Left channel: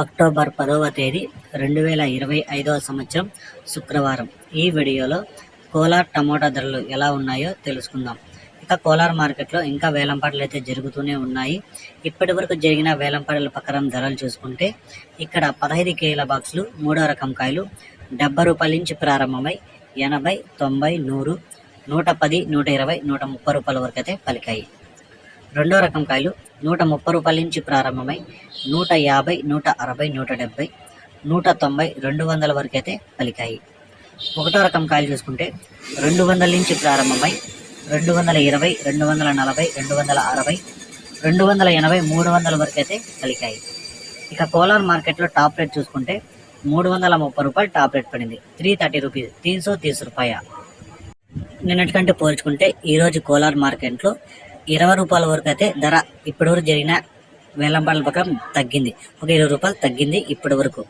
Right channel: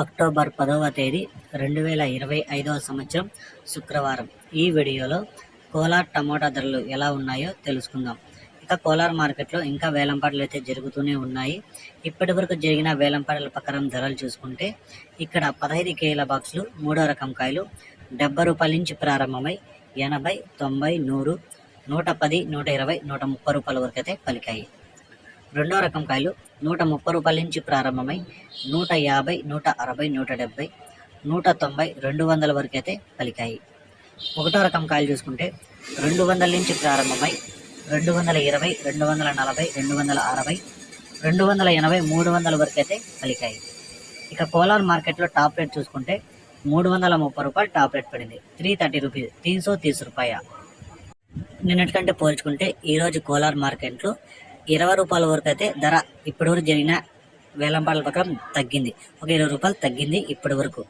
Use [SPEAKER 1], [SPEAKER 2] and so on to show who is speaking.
[SPEAKER 1] October పదవ తేదీ రెండు వేల ఇరవై ఐదవ సంవత్సరం శుక్రవారం. ఈ వీడియోలో కోలార్ టమోటా ధరలు ఎలా ఉన్నాయో తెలుసుకుందాం. ఇక కోలార్ మార్కెట్లో ఇంకా వేలంపాటలు అయితే జరుగుతూనే ఉన్నాయి. ఇప్పటి వరకు జరిగిన వేలంపాటల ప్రకారం ధరలు చూసుకుంటే ఇక్కడ పదహైదు కేల బాక్సులు మూడో రకం కాయలు డెబ్బై రూపాయల నుంచి ప్రారంభమై ఎనభై తొంభై నూరు నూట పది నూట ఇరవై నూట ముప్పై రూపాయల వరకు అయితే పలికాయి. రెండో రకం కాయలు నూట ముప్పై రూపాయల నుంచి ప్రారంభమై నూట యాభై నూట అరవై నూట డెబ్బై నూట తొంభై రెండు వందల వరకు అయితే పలికాయి. ఒకటో రకం కాయలు చూసుకుంటే రెండు వందల నుంచి ప్రారంభమై రెండు వందల ఇరవై రెండు వందల నలభై రెండు వందల అరవై రెండు వందల ఎనభై మూడు వందల వరకు అయితే పలికాయి. ఇక కోలార్ మార్కెట్లో టాప్ రేట్ చూసుకుంటే మూడు వందల ముప్పై రూపాయలు టాప్ రేట్ పడింది. త్రీ థర్టీ రూపీస్ తీన్ సో తీస్ రూపాయ. నిన్నటికంటే పోల్చుకుంటే ఈరోజు కోలార్ మార్కెట్లో ఇరవై రూపాయల వరకు అయితే ధర ఇప్పటి వరకు జరిగిన వేలంపాటల ప్రకారం తగ్గింది. ఒక
[SPEAKER 2] ఇరవై రూపాయలు తగ్గింది ఇప్పటి వరకు.